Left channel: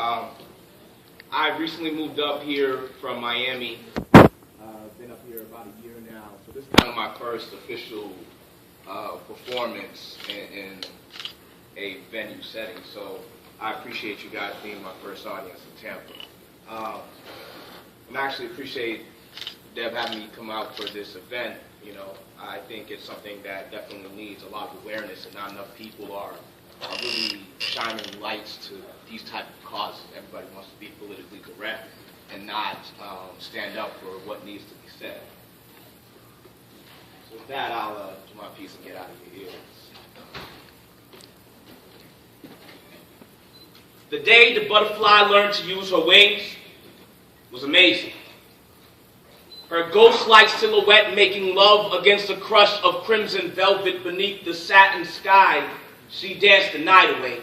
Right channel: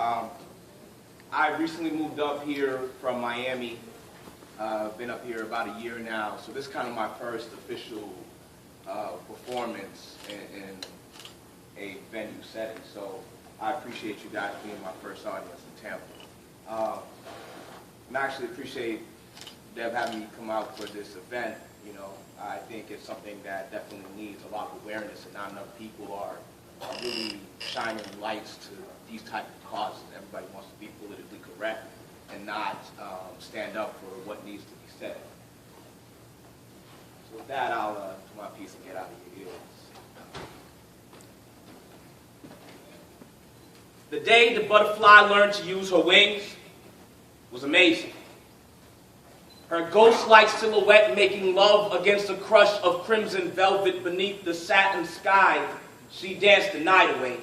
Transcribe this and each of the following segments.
Um, I recently moved up here from Miami. Been up here about a year now, so this is kind of my first official performance in a venue setting. So I appreciate you guys being my first audience in Tampa. And I actually appreciate Deb having me come out for this event. You know, I think it's something that definitely needs a lot of awareness, and not enough people are really shining lights to these type of causes. Everybody wants to be politically correct and not stand up for what needs to be said. So with that, I'll do my piece and get out of your ears. The day the butterfly learned to use her wings was amazing. Her ghost-like silhouette making love against a crush of crimson velvet beneath the satin sky, she danced the night away.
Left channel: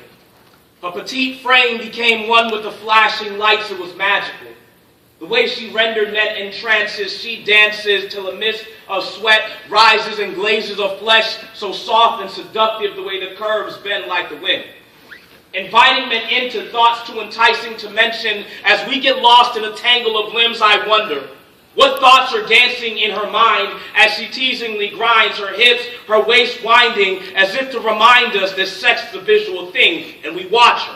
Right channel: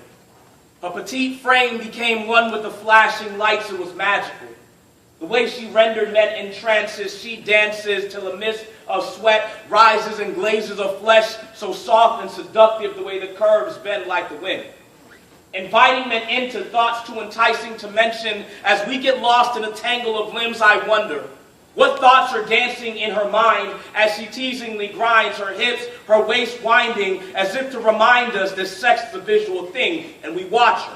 Her petite frame became one with the flashing lights. It was magical. The way she rendered net in trances, she dances till a mist of sweat rises and glazes her flesh, so soft and seductive the way the curves bend like the wind. Inviting men into thoughts too enticing to mention, as we get lost in a tangle of limbs, I wonder what thoughts are dancing in her mind as she teasingly grinds her hips, her waist winding, as if to remind us that sex is a visual thing, and we watch her.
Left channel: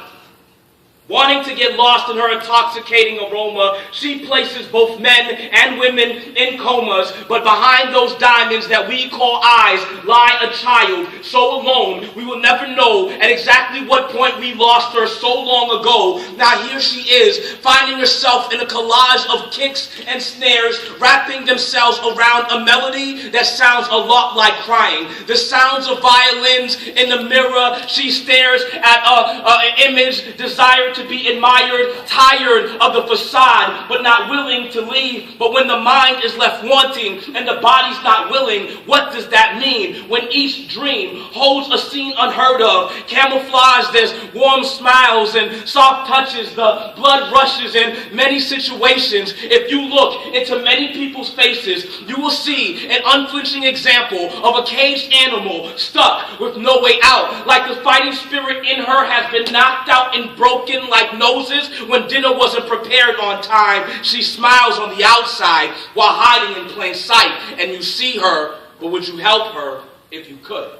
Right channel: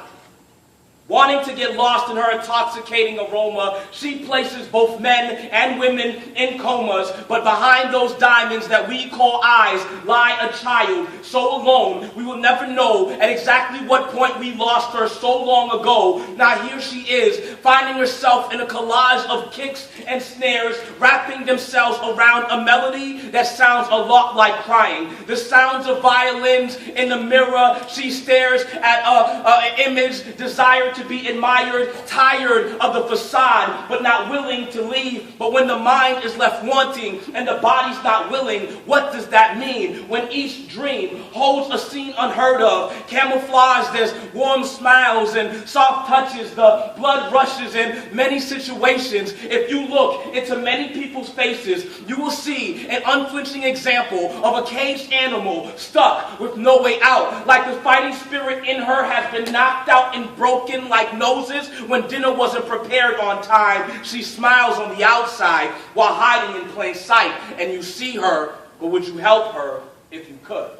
Wanting to get lost in her intoxicating aroma, she places both men and women in comas, but behind those diamonds that we call eyes lie a child so alone we will never know at exactly what point we lost her so long ago. Now here she is, finding herself in a collage of kicks and snares, wrapping themselves around a melody that sounds a lot like crying. The sounds of violins in the mirror, she stares at an image, desire to be admired, tired of the facade, but not willing to leave. But when the mind is left wanting and the body's not willing, what does that mean? When each dream holds a scene unheard of, camouflaged as warm smiles and soft touches, the blood rushes in many situations. If you look into many people's faces, you will see an unflinching example of a caged animal stuck with no way out, like the fighting spirit in her has been knocked out and broken like noses when dinner wasn't prepared on time. She smiles on the outside while hiding in plain sight, and you see her, but would you help her if you could?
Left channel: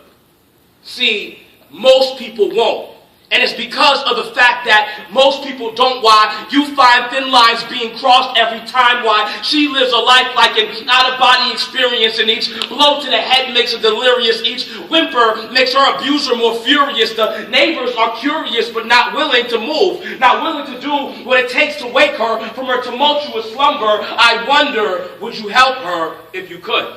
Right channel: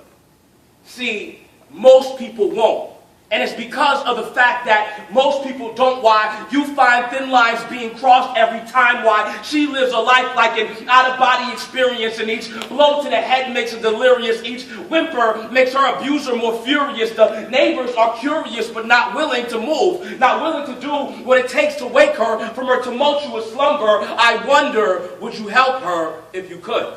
See, most people won't. And it's because of the fact that most people don't. Why you find thin lines being crossed every time. Why she lives a life like an out-of-body experience, and each blow to the head makes her delirious. Each whimper makes her abuser more furious. The neighbors are curious but not willing to move, not willing to do what it takes to wake her from her tumultuous slumber. I wonder, would you help her if you could?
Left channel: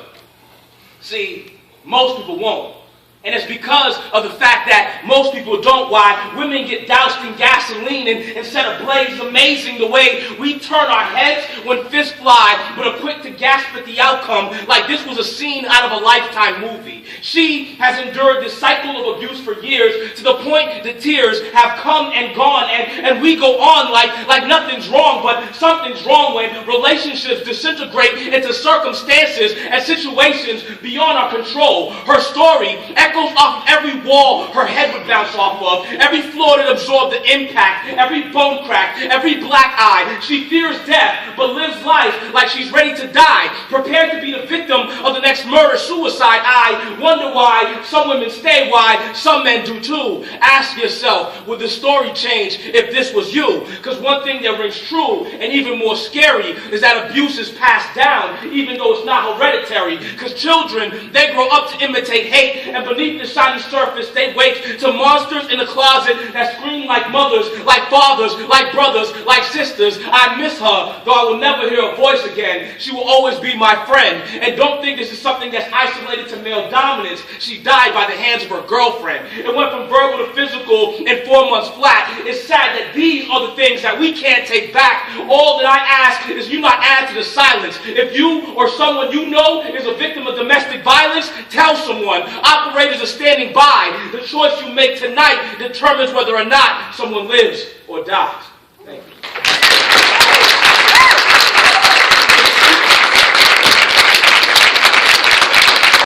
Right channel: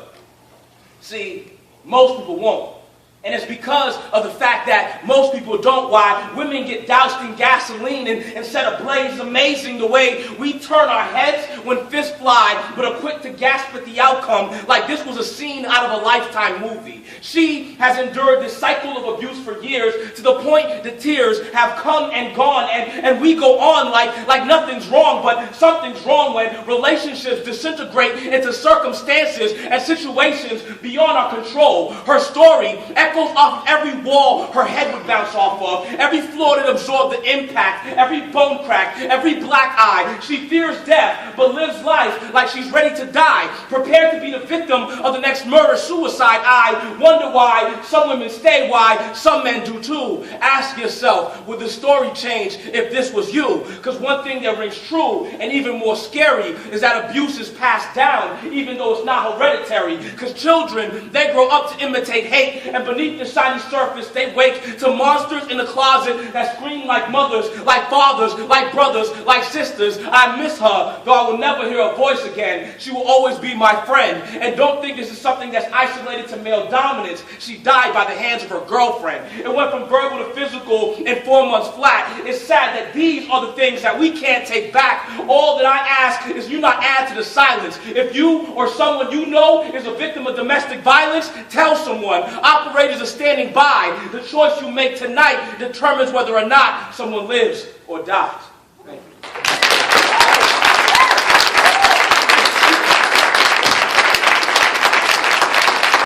See, most people won't. And it's because of the fact that most people don't. Why women get doused in gasoline and set ablaze. Amazing the way we turn our heads when fists fly, but are quick to gasp at the outcome like this was a scene out of a Lifetime movie. She has endured this cycle of abuse for years, to the point that tears have come and gone, and we go on like nothing's wrong, but something's wrong when relationships disintegrate into circumstances and situations beyond our control. Her story echoes off every wall her head would bounce off of, every floor that absorbed the impact, every bone crack, every black eye. She fears death, but lives life like she's ready to die, prepared to be the victim of the next murder-suicide. I wonder why some women stay, why some men do too. Ask yourself, would the story change if this was you? Because one thing that rings true, and even more scary, is that abuse is passed down, even though it's not hereditary. Because children, they grow up to imitate hate, and beneath the shiny surface they wake to monsters in the closet that scream like mothers, like fathers, like brothers, like sisters. I miss her, though I will never hear her voice again. She will always be my friend. And don't think this is something that's isolated to male dominance. She died by the hands of her girlfriend. It went from verbal to physical in 4 months flat. It's sad that these are the things that we can't take back. All that I ask is you not add to the silence. If you or someone you know is a victim of domestic violence, tell someone. Operators are standing by. The choice you make tonight determines whether or not someone lives or dies.